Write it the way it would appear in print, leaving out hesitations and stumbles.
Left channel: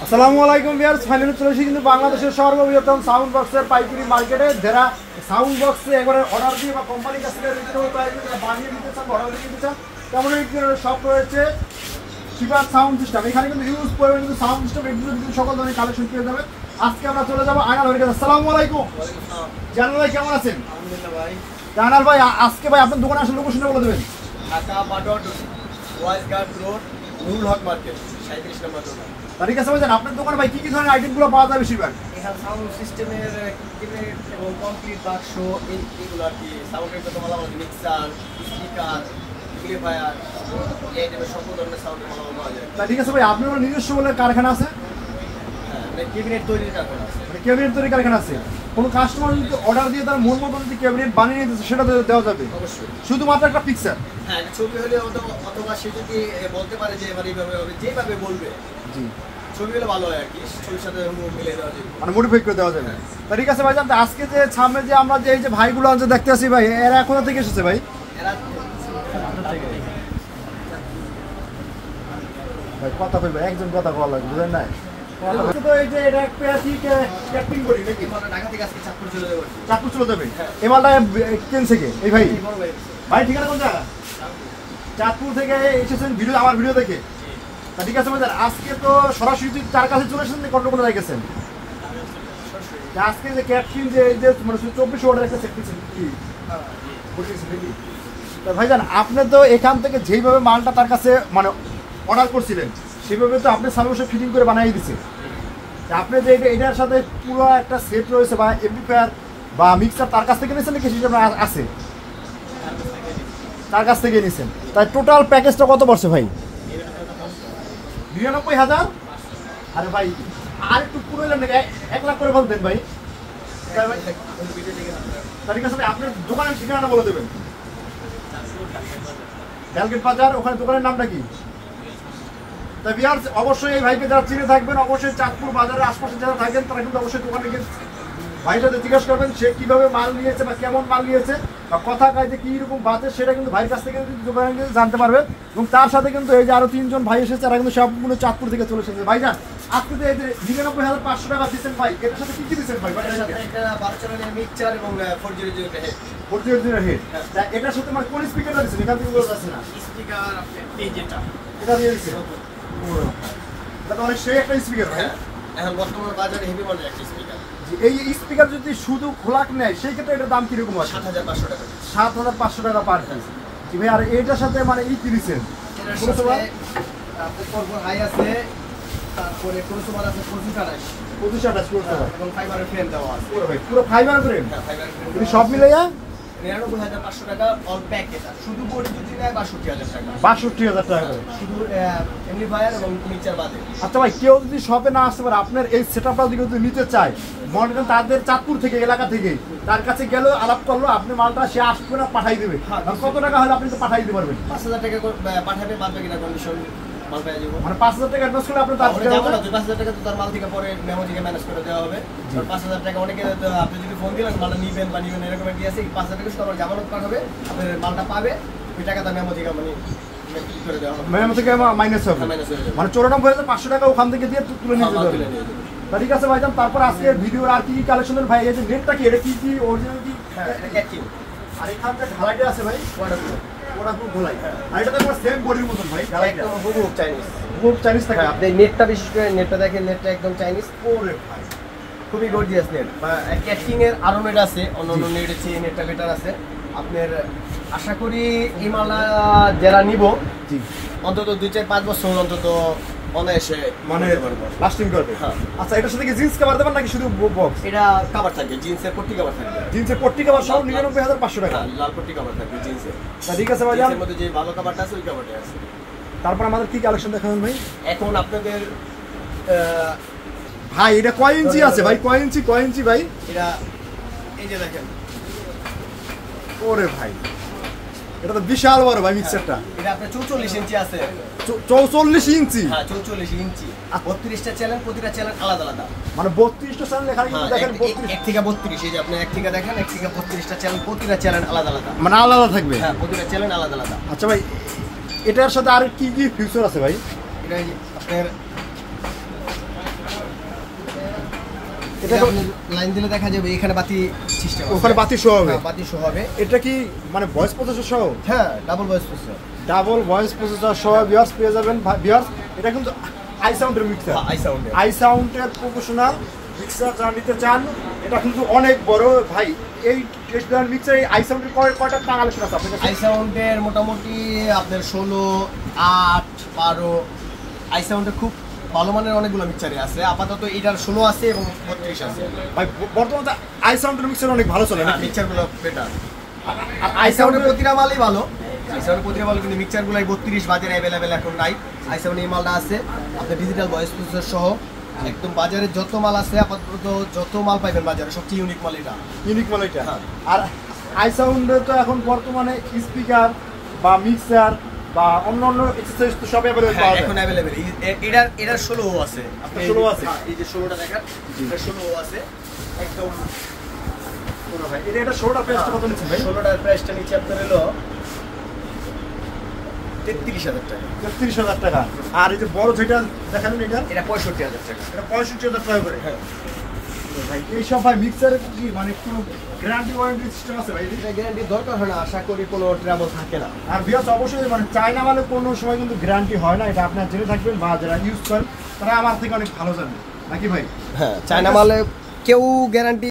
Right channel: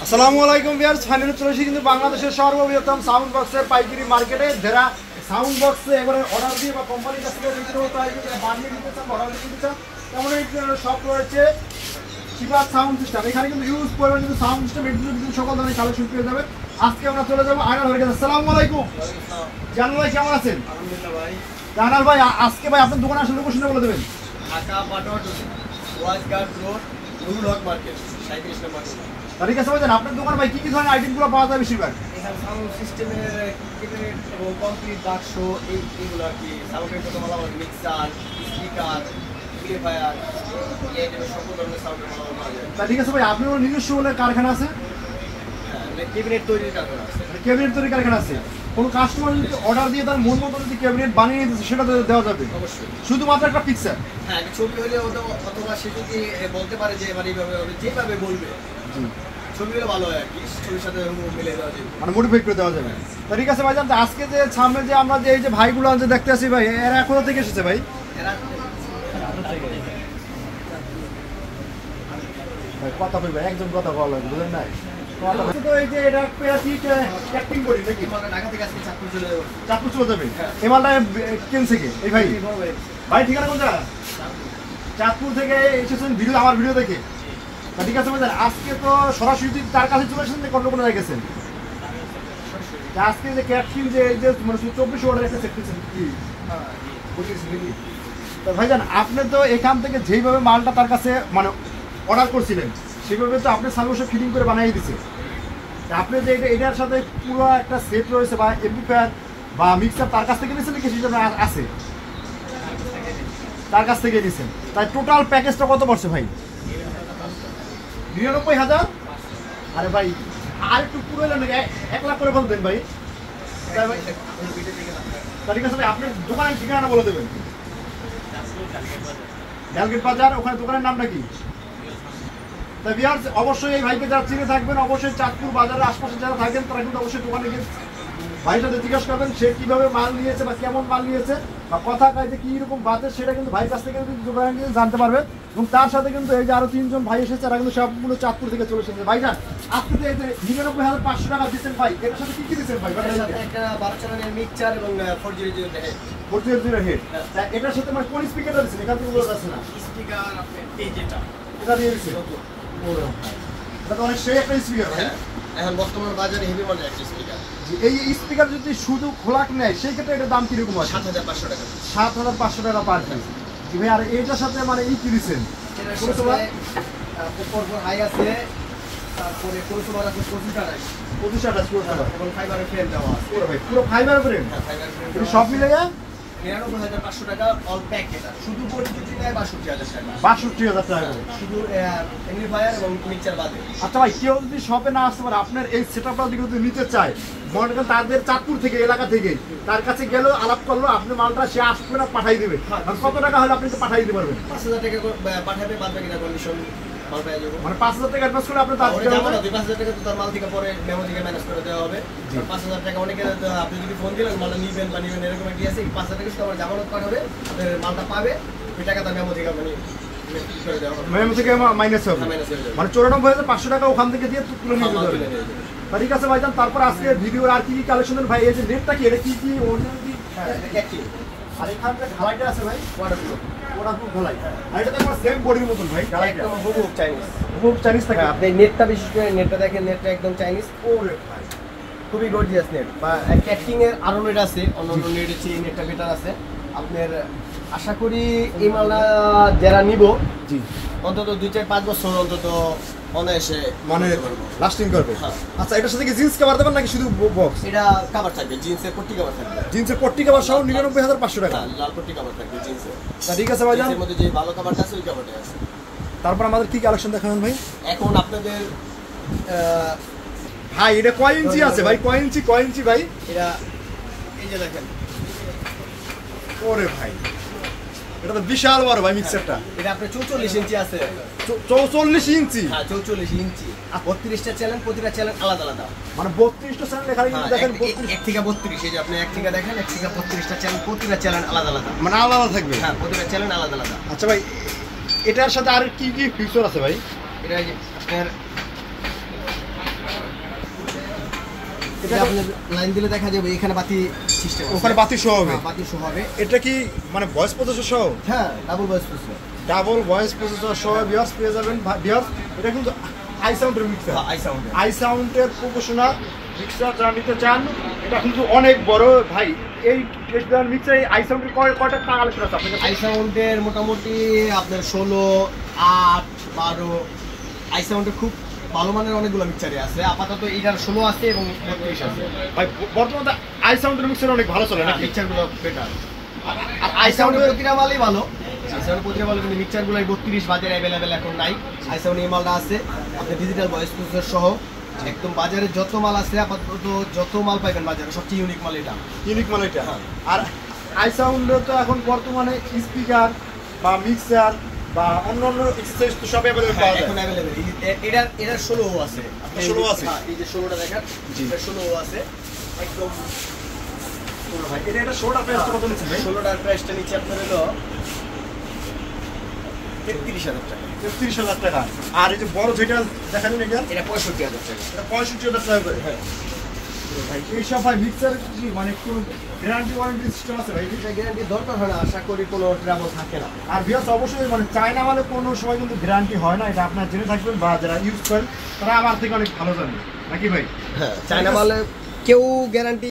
আসসালামু আলাইকুম viewers, finally চলে এসেছি কিন্তু বাংলাদেশের সর্ববৃহত্তম সাউন্ড বক্সের পাইকারি মার্কেটে। যারা সাউন্ড বক্সে একবারে অর্ডার দিয়ে বা কোম্পানির কাছ থেকে রিজনেবল প্রাইসে বানিয়ে দিতে চান, অর্ডার দিয়ে দিতে চান, তেমন সব রয়েছে শিবাদ সাউন্ড সিস্টেম। এখানে কিন্তু ইউজ করবেন কিন্তু সাউন্ড সিস্টেম এগুলো কিন্তু সকল ধরনের কালেকশন পেয়ে যাবে। আজকে আমরা চলে যাবো আয়নাল ভাইয়ের কাছে। আসসালামু আলাইকুম জানাল ভাই, কেমন আছেন? আলহামদুলিল্লাহ ভাই। জানাল ভাই, আজকে ভাই আপনার দোকানে আসলে লোকেশনটা বলে দেবেন। ঢাকা বাডর ওয়াইজগার্ড রোড, নুরুল হক মার্কেট, 37 নম্বর দোকান। ঠিক আছে ভাই, আপনার দোকানে ভাই কি ধরনের আইটেমগুলো পাওয়া যায় বেশিরভাগ? এখানে সাউন্ড সিস্টেমের কিবোর্ড এবং কমপ্লিট বাক্স এইগুলো আর কি। সাউন্ডের যত মালামাল, মিক্সার, স্পিকার, প্লেফায়ার, এই সকল ধরনের সাউন্ডের মালামাল পাওয়া যায়। ঠিক আছে ভাই, আপনার নিজস্ব বলে কারখানা আছে? হ্যাঁ, মানে ক্যাবিনেট তৈরির কারখানা আছে। ক্যাবিনেট তৈরি কারখানা আছে। কোনো কাস্টমার যদি অর্ডার দিয়ে তার মন মতো যদি ক্যাবিনেট বানিয়ে দিতে সেটা দেওয়া যাবে অবশ্যই। শুধুমাত্র একটা পিকচার? হ্যাঁ, ছবি হলে অথবা সে যদি বলতে পারে যে এবার এইভাবে হবে, যেভাবে বলবে ছবি হলে ভালো হয় আর কি। ছবির সাথে মিলে দেওয়া যাবে, মানে মডিফাই করে দেওয়া যাবে। ঠিক আছে ভাই, জানতে আজকে যে সামনে যে আমরা যে এই যে ভাইগুলো আছে দেখতে আসি ভাই, এরা কোথা থেকে এসেছে ভাই? কথা বলবে একজন কথা বলা লাগবে, বুঝলেন না? তো এই যে এটা প্যাকিং করি নাকি ঢাকা থেকে আজকে চাঁদপুর চলে যাবো। চাঁদপুর চলে যাবে? এই মালটা কিনছে কে এই ভাই? ভাই ঠিকানা কোনটা? চাঁদপুর থেকে এসেছেন ভিডিও, আমার ভিডিও দেখে। ঠিক আছে ভাই, আজকে তো সরাসরি তার কাছে চলে এসেছেন, কত করে রেখেছেন আজকে যে ক্যাটকিন যে 24 অর্ডার একটা সেট দিচ্ছেন কি ভাইজান? আপনি তো এখান থেকে যেইভাবে মালটা তার কাছে মানে অর্ডার করছিলেন সেভাবে তো আপনি সার্ভিসে ফিটিং করে বানিয়ে দিচ্ছেন। আপনি যে এটার সাথে পুরো একটা সেট রয়েছে বা এমপ্লিফায়ার বা মিক্সার তার কাছ থেকে নিয়েছেন নাকি সেটা আছে? তার কাছ থেকে নিয়েছেন। তাই টোটাল প্যাকেজটা কত পড়ছে ভাই? 99,000। আরে ভাই আর একটু পুরো 1 লাখ করে বলতেন ভাই। ঠিক আছে, আপনি দোকানের ঠিকানা বলে দেবেন। গ্যালগেট বাজার, ওখানে দোকানের নামটা কি? অবশ্যই এই ভাইকে যারা চিনে থাকবেন, অবশ্যই চাঁদপুর বাজারের আশপাশে যারা থাকবেন তারা কিন্তু অবশ্যই দোকানে গিয়ে ভাইয়ের সাথে জিজ্ঞাসা করবেন সে কিভাবে মাল নিয়েছে বা কেমন মাল নিয়েছে বা কথা কাজে কি রকম বাতে, সেটা কিন্তু ভাইয়ের কাছ থেকে কিন্তু দোকানে জানতে পারবে। এবং তার সাথে কিন্তু এই যে আরো 3 জন ভাই এসেছে, তারা কিন্তু সম্পূর্ণ চাঁদপুর থেকে চলে এসেছে। ভাইজান আজকে তো এই যে 99,500 টাকা দিচ্ছেন ভাই, এর সাথে কি কি দিচ্ছেন ভাই? একটা 12 চ্যানেলের মিক্সার এবং 400 হেড। 400 হেড। এটার সাথে মানে কোন স্পিকারটা দিচ্ছেন? এখান থেকে বোঝা যাচ্ছে না। স্পিকার আপনি এই যেটা এটা দিয়ে দিচ্ছেন, এটা তো অনেক সেই একটা স্পিকার ভাই। এখন বর্তমান বাজারে হেভি মানের একটা স্পিকার। এই স্পিকার যদি শুধু খোলাক নেয় সেই ক্ষেত্রে এটার দাম কিরকম আছে? 7,500 টাকা। 7,500 টাকা পার পিস ভাই। আর এইটার সাথে মানে কি দিচ্ছেন? পরপর হাই আছে, তারপরে কনসুমার আছে 25 টাকা এবং ফাইবারের ফ্রেম দেওয়া আছে। পুরো ফাইবার ফ্রেম সব মিলাইয়া 99,500 টাকা অল প্যাক। এটা শুধু বডি দুটি নেয় 62,000 টাকা। 62,000 টাকা শুধু এমপ্লিফায়ার এবং মিক্সার বাদে। আচ্ছা ভাই, কেউ যদি শপে না আসতে পারে, আপনার এই সেটআপটা যদি নিতে চায়, মনে করেন তাদের চাঁদপুর থেকে এলাকা থেকে তার কাছে গেল, আলাপ করলো, আপনি মালটা সে আসবে না পাঠাই দেবে, কত টাকা হলে আপনি তো পাঠাই দিতে পারবেন? 5,000 টাকা পাঠাবে, বাদ বাকিটা কন্ডিশন মাল পেয়ে যাবো। মানে 5,000 টাকা অ্যাডভান্স করে আপনি যাবো না, 5,000 টাকা তো তার মাল থেকে পরে মেমো থেকে ম্যানেজ করে দেওয়া হবে। 5,000 টাকা অনেকে আপনি যদি ফোন দিলেন মালটা নিবেন বা নিবেন এরকম কি আছে, 5,000 টাকা শুধু আমার জামানত পাঠাবে, আপনার মালটা পাবে, ওই টাকা তার মেমো থেকে মানে করে দেওয়া হবে। মেমো থেকে মাইনাস হবে, মানে 94,500 টাকা ওখান থেকে দিয়ে তুলে নিয়ে যাবে। ঠিক আছে ভাইজান, তারপর আজকে ভিডিওর আর কি কি কালেকশনের ভাই, এই যে নেটটা কি, এটা কি কি অরিজিনাল কি? আর এখানটা ঢালাইটা আছে ভাই, ওয়াটারপ্রুফ ঢালাই। আর এটা তো আমার সেম বডির মতন ভাই, ঢালাইটা হুবহু চাইনিজ। খুব চাইনিজ থাকে। আপনি নেটটা বিশেষ করে নেটটা দেখেন, নেটটা একদম চাইনিজ। ওরে ভাই খুবই গর্জিয়াস নেট। বা ক্যাটিং এর আরো নেট আছে, অন্যান্য নেটের চেয়ে নেটটা বেটার আছে। আপনার আশা করি এই মালা যারা নিব জি অন্তত 2-4-5 বছর অন্তত অনায়াসে মানে লাস্টিং করবে। হ্যাঁ। আচ্ছা, এটার সাথে কি জিন্স কভার দেবেন নাকি শুধু বক্স? এটা কভার থাকবে, জিন্সের পট্টি কভার থাকবে। জিন্সের পট্টি কভার সহ 99,500 টাকা। লাল পট্টি কভার থাকবে জিন্সের। ঠিক আছে ভাই, জিন্সের মধ্যে যে ভালো কভারটা আছে ওই কভারটা আছে। তারপর আমাদের কি কালেকশন দেখাবেন ভাই? এখন আপনাদের ভাই এটা কয় ইঞ্চি আছে ভাই? কয় ইঞ্চি ভাই? এটা এই যে দেখেন, ওরে ভাই এটা তো বিশাল বড় ভাই মিক্সারটা। এটা আপনার 44 ইঞ্চি আছে। 44 ইঞ্চি? হ্যাঁ 44 ইঞ্চি। 32টা চ্যানেল, প্রতিটা চ্যানেল আলাদা আলাদা। মানে 32টা চ্যানেল এখানে কিন্তু দেখেন, 1 থেকে 32, এই যে আপনি 1 থেকে দেখেন, 1 থেকে 32টা চ্যানেল, প্রতিটা চ্যানেল আলাদা আলাদা, মানে আলাদা থাকবে। হ্যাঁ প্রতিটা চ্যানেল আলাদা আলাদা। আচ্ছা ভাই, এটার সাথে আর কি কি ফিচার আছে ভাই? এটা আপনার এটা আপনি লাইন দিলে দেখা যাবে এখানে বাতি সিস্টেম আছে। ওখানে বাতি সহ হবে? হ্যাঁ, বাতি সহ হবে। এটা কি মানে ভয়েস প্রসেসর সহ? হ্যাঁ, double voice processor. Double voice processor সহ ভিউয়ার্স পেয়ে যাবেন। ভিউয়ার্স এটা কিন্তু আই সাউন্ডের মিক্সার। I sound. আই সাউন্ডের প্রফেশনাল মিক্সার যারা নিতে চান, এটা কিন্তু অনেক বড় ভাই। এই টেস্টদার মিক্সার আই সাউন্ডের কয়টা কালেকশন আছে আপনার কাছে? আই সাউন্ডের মোটামুটি আপনার 16, 8, 12 আই সাউন্ডের খুব ভালো মানের অনেকগুলো মিক্সারই আছে। আপাতত এটার 16 আছে এবং 32 আছে। ভাই বর্তমানে আই সাউন্ডের মিক্সার অনেক ভালো চলে নাকি? মিক্সারগুলো বেটার। আর আই সাউন্ডের প্রতিটা মালই ভালো। আই সাউন্ডের প্রতিটা মাল, কিন্তু মিক্সারগুলো 32 বাজারে অ্যাভেলেবেল এখন নাই। আই সাউন্ড এই মালটা আছে আপনার ডিজিটাল ভয়েস প্রসেসর সহ। একদম বাজারে যত মাল আছে আপাতত যত মাল পাইবেন বাজারে সবচেয়ে ইউনিক মাল এটা। ইউনিক মাল এটা। হ্যাঁ। আর আই সাউন্ডের তো এখন বর্তমানে স্পিকার বা মিক্সার বা অন্য এক্সেসরিজ তো সব অ্যাভেলেবল পাওয়া যায়। এখন অ্যাভেলেবল। এটার 16 আছে। আপনি 16 আছে? হ্যাঁ, এই যে 16টা দেখেন, এটা 16 আছে একদম। ভাই এটা শোটা প্রাইসটা কত নিচ্ছে ভাই? 16টার প্রাইসটা নিচে আপনার হলো 33,000 টাকা। 33,000 টাকা। আর এই যে বড় যেটা দেখালেন এটা? এটা 65,000 টাকা। এটা 65,000 টাকা করে। হ্যাঁ। ভাই এইসব ভাই মিক্সারের কি মানে কোনো গ্যারান্টি ওয়ারেন্টি সিস্টেম আছে ভাই? এটা গ্যারান্টি দরকার হয় না, আশা করি কোনো ট্রাবল থাকে না। আর ভিউয়ার্স অবশ্যই মানে চায়না মালে কোনো সময় কিন্তু গ্যারান্টি হয় না, এটা আপনারা জেনে থাকবেন বা যারা ইউজ করেন তারা আমার থেকে অনেক ভালো জানেন নাকি ভাই? হ্যাঁ, চায়না মালে কেউ গ্যারান্টি